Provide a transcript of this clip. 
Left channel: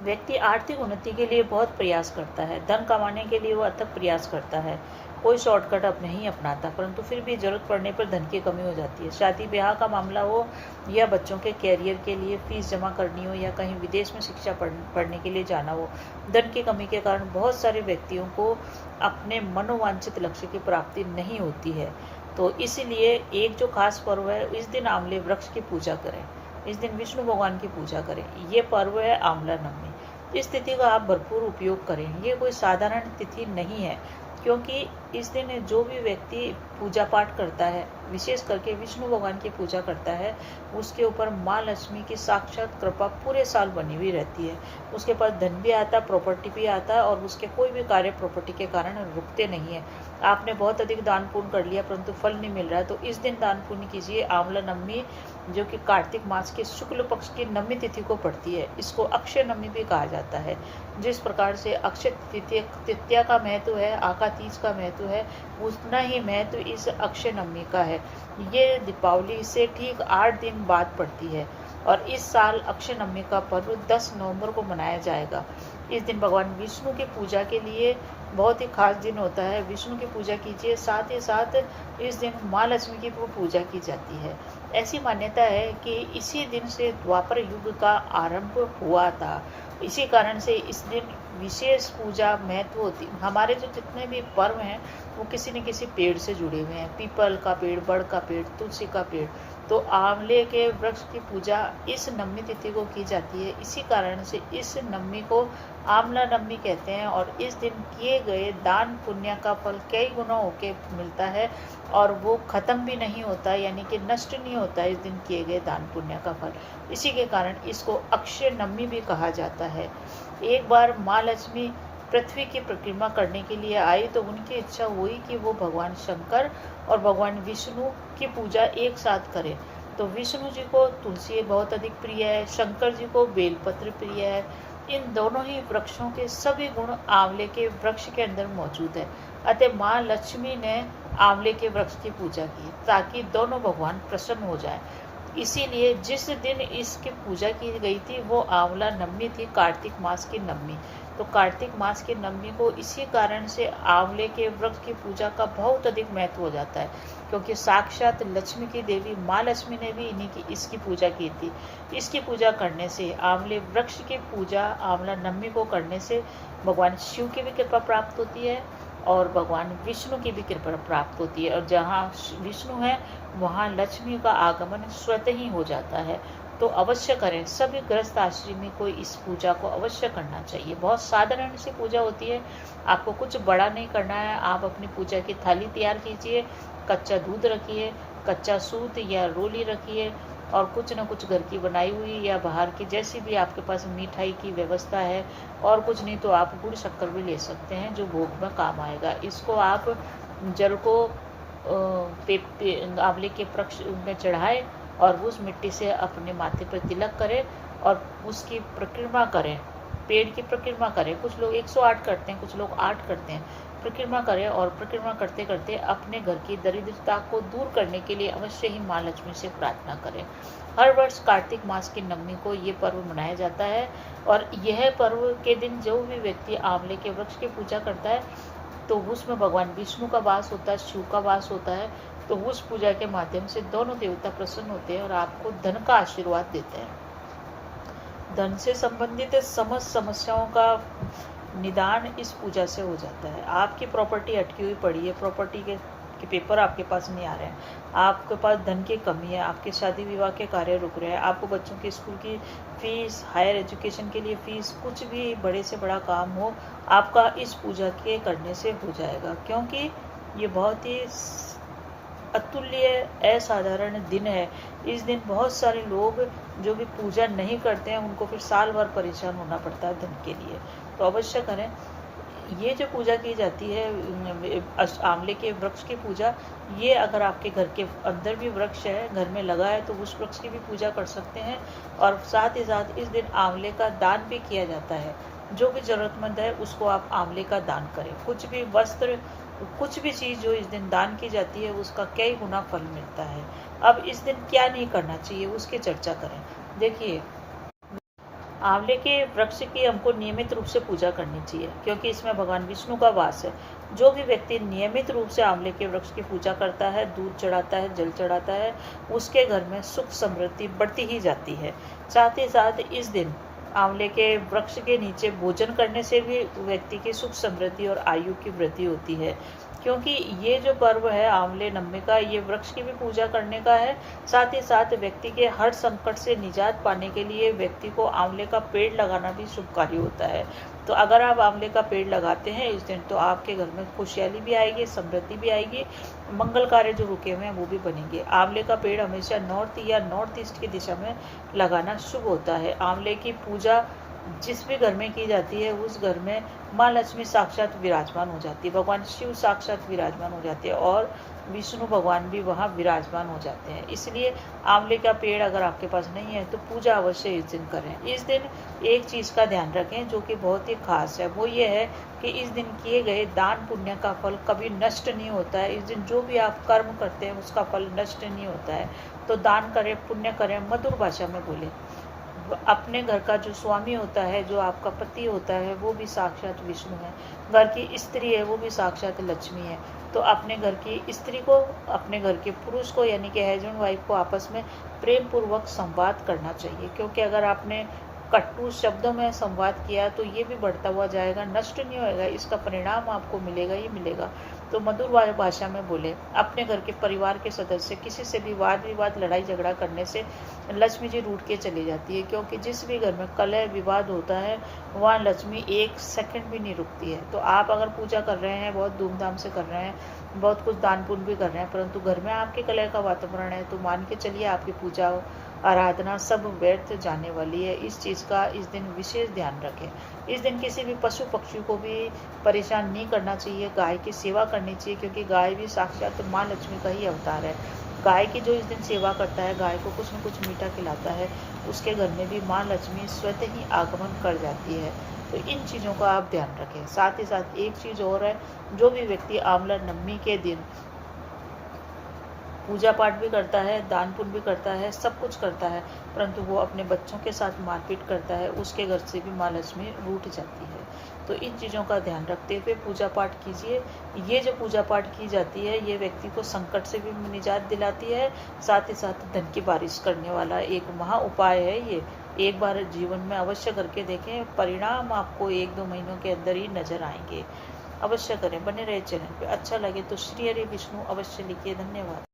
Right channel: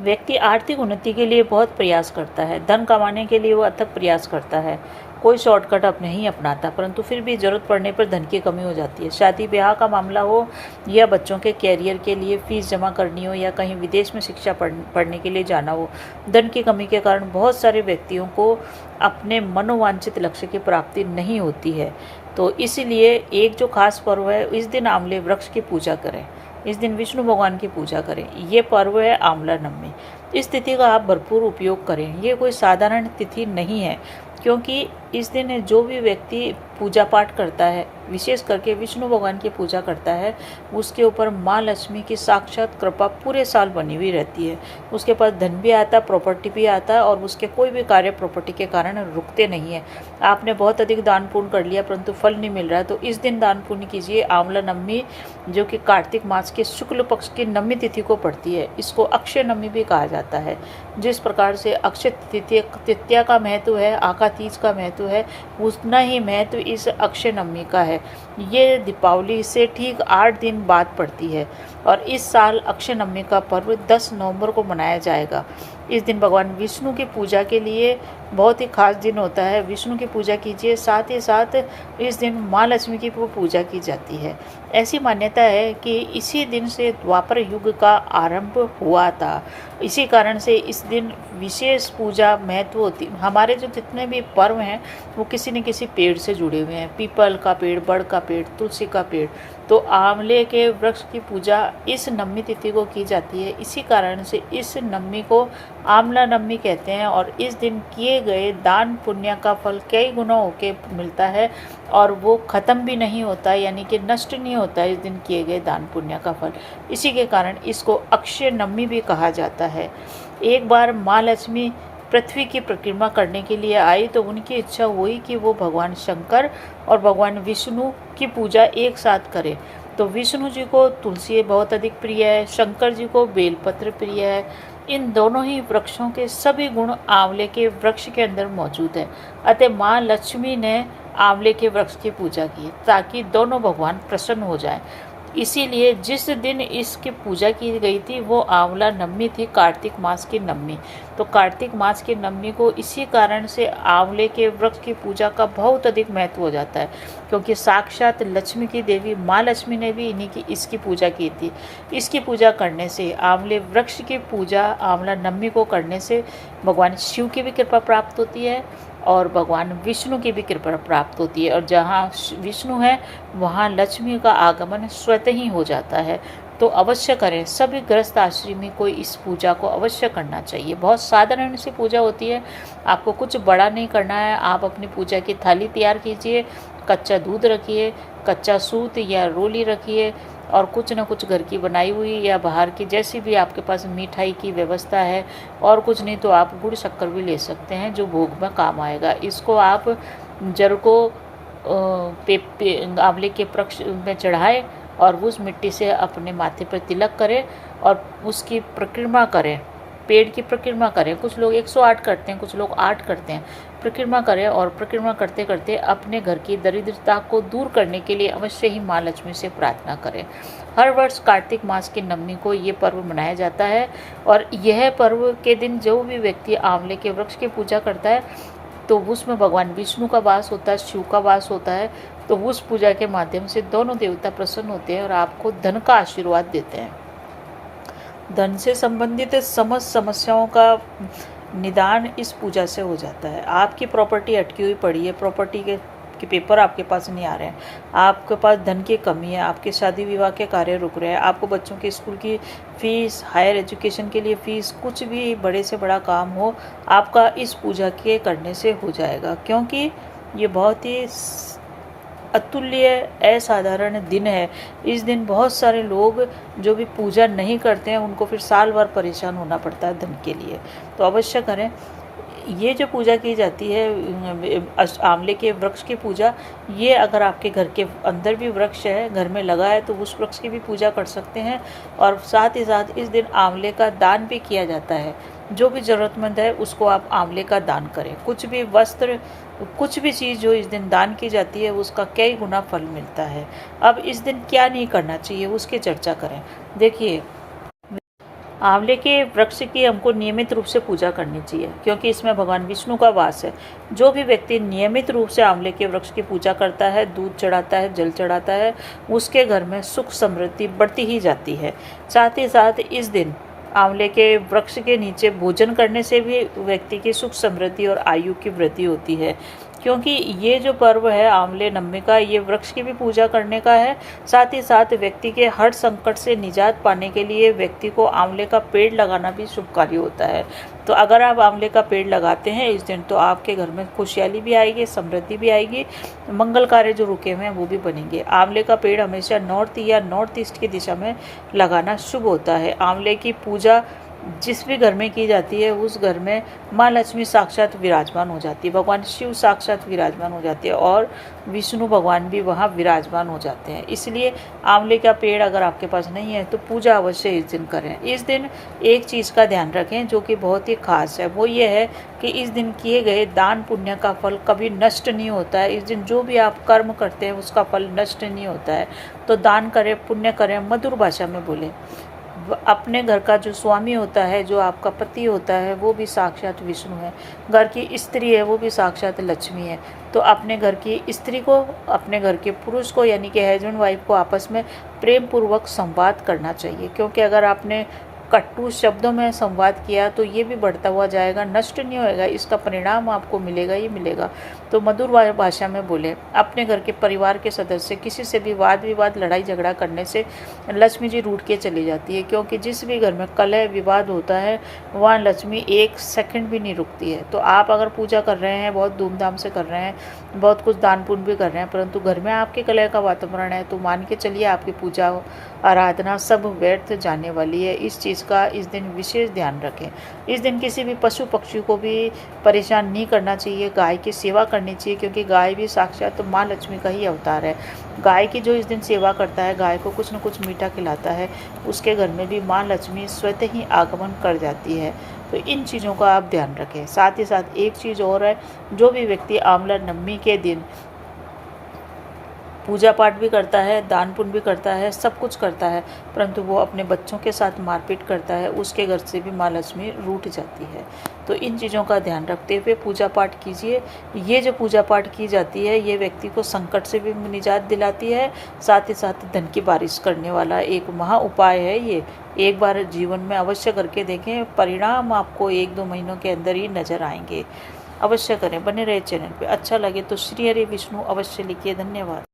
व्यक्ति आर्थिक उन्नति के लिए बहुत प्रयास करता है, धन कमाने के लिए वो अथक प्रयास करता है, कोई शॉर्टकट अब नहीं अपनाता, परंतु फिर भी ज़रूरत पड़ने पर धन की कमी हो जाती है। शादी ब्याह का मामला हो या बच्चों के कैरियर के लिए फीस जमा करनी हो या कहीं विदेश में शिक्षा पढ़ने के लिए जाना हो, धन की कमी के कारण बहुत सारे व्यक्तियों को अपने मनोवांछित लक्ष्य की प्राप्ति नहीं होती है। तो इसीलिए एक जो खास पर्व है, इस दिन आंवले वृक्ष की पूजा करें, इस दिन विष्णु भगवान की पूजा करें। ये पर्व है आंवला नवमी। इस तिथि का आप भरपूर उपयोग करें। ये कोई साधारण तिथि नहीं है, क्योंकि इस दिन जो भी व्यक्ति पूजा पाठ करता है, विशेष करके विष्णु भगवान की पूजा करता है, उसके ऊपर माँ लक्ष्मी की साक्षात कृपा पूरे साल बनी हुई रहती है। उसके पास धन भी आता, प्रॉपर्टी भी आता है, और उसके कोई भी कार्य प्रॉपर्टी के कारण रुकते नहीं है। आपने बहुत अधिक दान पुण्य कर लिया परंतु फल नहीं मिल रहा है, तो इस दिन दान पुण्य कीजिए। आंवला नवमी जो कि कार्तिक मास के शुक्ल पक्ष की नवमी तिथि को पड़ती है, इसको अक्षय नवमी भी कहा जाता है। जिस प्रकार से अक्षय तृतीया का महत्व है, आका तीज का महत्व है, उतना ही महत्व इस अक्षय नवमी का है। ये दीपावली से ठीक 8 दिन बाद पड़ती है, और इस साल अक्षय नवमी का पर्व 10 नवंबर को मनाया जाएगा। इस दिन भगवान विष्णु की पूजा के लिए बहुत ही खास दिन होता है। विष्णु की पूजा कीजिए, साथ ही साथ इस दिन माँ लक्ष्मी की पूजा की जाती है। ऐसी मान्यता है कि इसी दिन से द्वापर युग का आरंभ हुआ था। इसी कारण से इस दिन विशेष पूजा महत्व होती। हमारे जो जितने भी पर्व हैं वो किसी न किसी पेड़ से जुड़े हुए हैं, पीपल का पेड़, बड़ का पेड़, तुलसी का पेड़। तो आंवले के वृक्ष की पूजा इस नवमी तिथि को की जाती है। इसी कारण से इस नवमी को आंवला नवमी कहते हैं, और इस दिन किए गए दान पुण्य का फल कई गुना होके मिलता है, और वो ख़त्म भी नहीं होता, यानी कि नष्ट नहीं होता इस दिन किए गए दान पुण्य का फल। इसी के कारण इसको अक्षय नवमी भी कहा जाता है। एक बार माँ लक्ष्मी पृथ्वी की परिक्रमा करने के लिए आई, तो उनकी इच्छा हुई कि वो भगवान शंकर और भगवान विष्णु की पूजा एक साथ करें। तो विष्णु जी को तुलसी बहुत अधिक प्रिय है, शंकर जी को बेलपत्र प्रिय है। इन दोनों ही वृक्षों के सभी गुण आंवले के वृक्ष के अंदर मौजूद है। अतः माँ लक्ष्मी ने आंवले के वृक्ष की पूजा की ताकि दोनों भगवान प्रसन्न हो जाएं। इसीलिए जिस दिन इसकी पूजा की गई थी वो आंवला नवमी थी, कार्तिक मास की नवमी। तो कार्तिक मास की नवमी को इसी कारण से आंवले के वृक्ष की पूजा का बहुत अधिक महत्व हो जाता है, क्योंकि साक्षात लक्ष्मी की देवी माँ लक्ष्मी ने भी इसकी पूजा की थी। इसकी पूजा करने से, आंवले वृक्ष की पूजा आंवला नवमी को करने से भगवान शिव की भी कृपा प्राप्त होती है और भगवान विष्णु की भी कृपा प्राप्त होती है, और जहाँ विष्णु है वहाँ लक्ष्मी का आगमन स्वतः ही हो जाता है। तो अवश्य करें, सभी गृहस्थ आश्रमी को इस पूजा को अवश्य करना चाहिए। बहुत साधारण सी पूजा होती है, आपको कुछ बड़ा नहीं करना है। आप अपनी पूजा की थाली तैयार कीजिए, कच्चा दूध रखिए, कच्चा सूत या रोली रखिए, और कुछ न कुछ घर की बनाई हुई या बाहर की जैसी भी आपके पास मिठाई की व्यवस्था है, और कुछ नहीं तो आप गुड़ शक्कर भी ले सकते हैं जो भोग में काम आएगा। इसको आप जड़ को आंवले के वृक्ष में चढ़ाएं और उस मिट्टी से अपने माथे पर तिलक करें और उसकी परिक्रमा करें, पेड़ की परिक्रमा करें। कुछ लोग 108 करते हैं, कुछ लोग 8 करते हैं। परिक्रमा करें और परिक्रमा करते करते अपने घर की दरिद्रता को दूर करने के लिए अवश्य ही माँ लक्ष्मी से प्रार्थना करें। हर वर्ष कार्तिक मास की नवमी को ये पर्व मनाया जाता है, और यह पर्व के दिन जो भी व्यक्ति आंवले के वृक्ष की पूजा करता है तो उसमें भगवान विष्णु का वास होता है, शिव का वास होता है। तो उस पूजा के माध्यम से दोनों देवता प्रसन्न होते हैं और आपको धन का आशीर्वाद देते हैं। धन से संबंधित समस्त समस्याओं का निदान इस पूजा से हो जाता है। आपकी प्रॉपर्टी अटकी हुई पड़ी है, प्रॉपर्टी के पेपर आपके पास नहीं आ रहे हैं, आपके पास धन की कमी है, आपके शादी विवाह के कार्य रुक रहे हैं, आपको बच्चों के स्कूल की फीस, हायर एजुकेशन के लिए फ़ीस, कुछ भी बड़े से बड़ा काम हो, आपका इस पूजा के करने से हो जाएगा। क्योंकि ये बहुत ही अतुल्य असाधारण दिन है। इस दिन बहुत सारे लोग जो भी पूजा नहीं करते हैं उनको फिर साल भर परेशान होना पड़ता है धन के लिए। तो अवश्य करें। ये जो पूजा की जाती है आंवले के वृक्ष की पूजा, ये अगर आपके घर के अंदर भी वृक्ष है, घर में लगा है, तो उस वृक्ष की भी पूजा कर सकते हैं। और साथ ही साथ इस दिन आंवले का दान भी किया जाता है। जो भी ज़रूरतमंद है उसको आप आंवले का दान करें। कुछ भी वस्त्र, कुछ भी चीज़ जो इस दिन दान की जाती है उसका कई गुना फल मिलता है। अब इस दिन क्या नहीं करना चाहिए उसकी चर्चा करें। देखिए, आंवले के वृक्ष की हमको नियमित रूप से पूजा करनी चाहिए, क्योंकि इसमें भगवान विष्णु का वास है। जो भी व्यक्ति नियमित रूप से आंवले के वृक्ष की पूजा करता है, दूध चढ़ाता है, जल चढ़ाता है, उसके घर में सुख समृद्धि बढ़ती ही जाती है। साथ ही साथ इस दिन आंवले के वृक्ष के नीचे भोजन करने से भी व्यक्ति की सुख समृद्धि और आयु की वृद्धि होती है, क्योंकि ये जो पर्व है आंवले नवमी का, ये वृक्ष की भी पूजा करने का है। साथ ही साथ व्यक्ति के हर संकट से निजात पाने के लिए व्यक्ति को आंवले का पेड़ लगाना भी शुभ कार्य होता है। तो अगर आप आंवले का पेड़ लगाते हैं इस दिन, तो आपके घर में खुशहाली भी आएगी, समृद्धि भी आएगी, मंगल कार्य जो रुके हुए हैं वो भी बनेंगे। आंवले का पेड़ हमेशा नॉर्थ या नॉर्थ ईस्ट की दिशा में लगाना शुभ होता है। आंवले की पूजा जिस भी घर में की जाती है उस घर में माँ लक्ष्मी साक्षात विराजमान हो जाती है, भगवान शिव साक्षात विराजमान हो जाते हैं और विष्णु भगवान भी वहाँ विराजमान हो जाते हैं। इसलिए आंवले का पेड़ अगर आपके पास नहीं है तो पूजा अवश्य इस दिन करें। इस दिन एक चीज़ का ध्यान रखें जो कि बहुत ही खास है, वो ये है कि इस दिन किए गए दान पुण्य का फल कभी नष्ट नहीं होता है। इस दिन जो भी आप कर्म करते हैं उसका फल नष्ट नहीं होता है। तो दान करें, पुण्य करें, मधुर भाषा में बोलें। अपने घर का जो स्वामी होता है, जो आपका पति होता है, वो भी साक्षात विष्णु है। घर की स्त्री है वो भी साक्षात लक्ष्मी है। तो अपने घर की स्त्री को, अपने घर के पुरुष को यानी कि हस्बैंड वाइफ को आपस में प्रेम पूर्वक संवाद करना चाहिए, क्योंकि अगर आपने कटु शब्दों में संवाद किया तो ये भी बढ़ता हुआ जाएगा, नष्ट नहीं होएगा, इसका परिणाम आपको मिलेगा ही मिलेगा। तो मधुर भाषा में बोले। अपने घर के परिवार के सदस्य किसी से भी वाद विवाद, लड़ाई झगड़ा करने से लक्ष्मी जी रूठ के चली जाती है, क्योंकि जिस भी घर में कलह विवाद होता है वहाँ लक्ष्मी एक सेकंड भी नहीं रुकती है। तो आप अगर पूजा कर रहे हैं, बहुत धूमधाम से कर रहे हैं, बहुत कुछ दान पुण्य भी कर रहे हैं, परंतु घर में आपके कलह का वातावरण है, तो मान के चलिए आपकी पूजा आराधना सब व्यर्थ जाने वाली है। इस चीज़ का इस दिन विशेष ध्यान रखें। इस दिन किसी भी पशु पक्षी को भी परेशान नहीं करना चाहिए, गाय की सेवा करनी चाहिए, क्योंकि गाय भी साक्षात तो माँ लक्ष्मी का ही अवतार है। गाय की जो इस दिन सेवा करता है, गाय को कुछ न कुछ मीठा खिलाता है, उसके घर में भी माँ लक्ष्मी स्वतः ही आगमन कर जाती है। तो इन चीज़ों का आप ध्यान रखें। साथ ही साथ एक चीज़ और है, जो भी व्यक्ति आंवला नवमी के दिन पूजा पाठ भी करता है, दान पुण्य भी करता है, सब कुछ करता है, परंतु वो अपने बच्चों के साथ मारपीट करता है, उसके घर से भी माँ लक्ष्मी रूठ जाती है। तो इन चीज़ों का ध्यान रखते हुए पूजा पाठ कीजिए। ये जो पूजा पाठ की जाती है ये व्यक्ति को संकट से भी निजात दिलाती है, साथ ही साथ धन की बारिश करने वाला एक महा उपाय है। ये एक बार जीवन में अवश्य करके देखें, परिणाम आपको 1-2 महीनों के अंदर ही नजर आएंगे। अवश्य करें, बने रहे चैनल पे। अच्छा लगे तो श्री हरि विष्णु अवश्य लिखिए। धन्यवाद।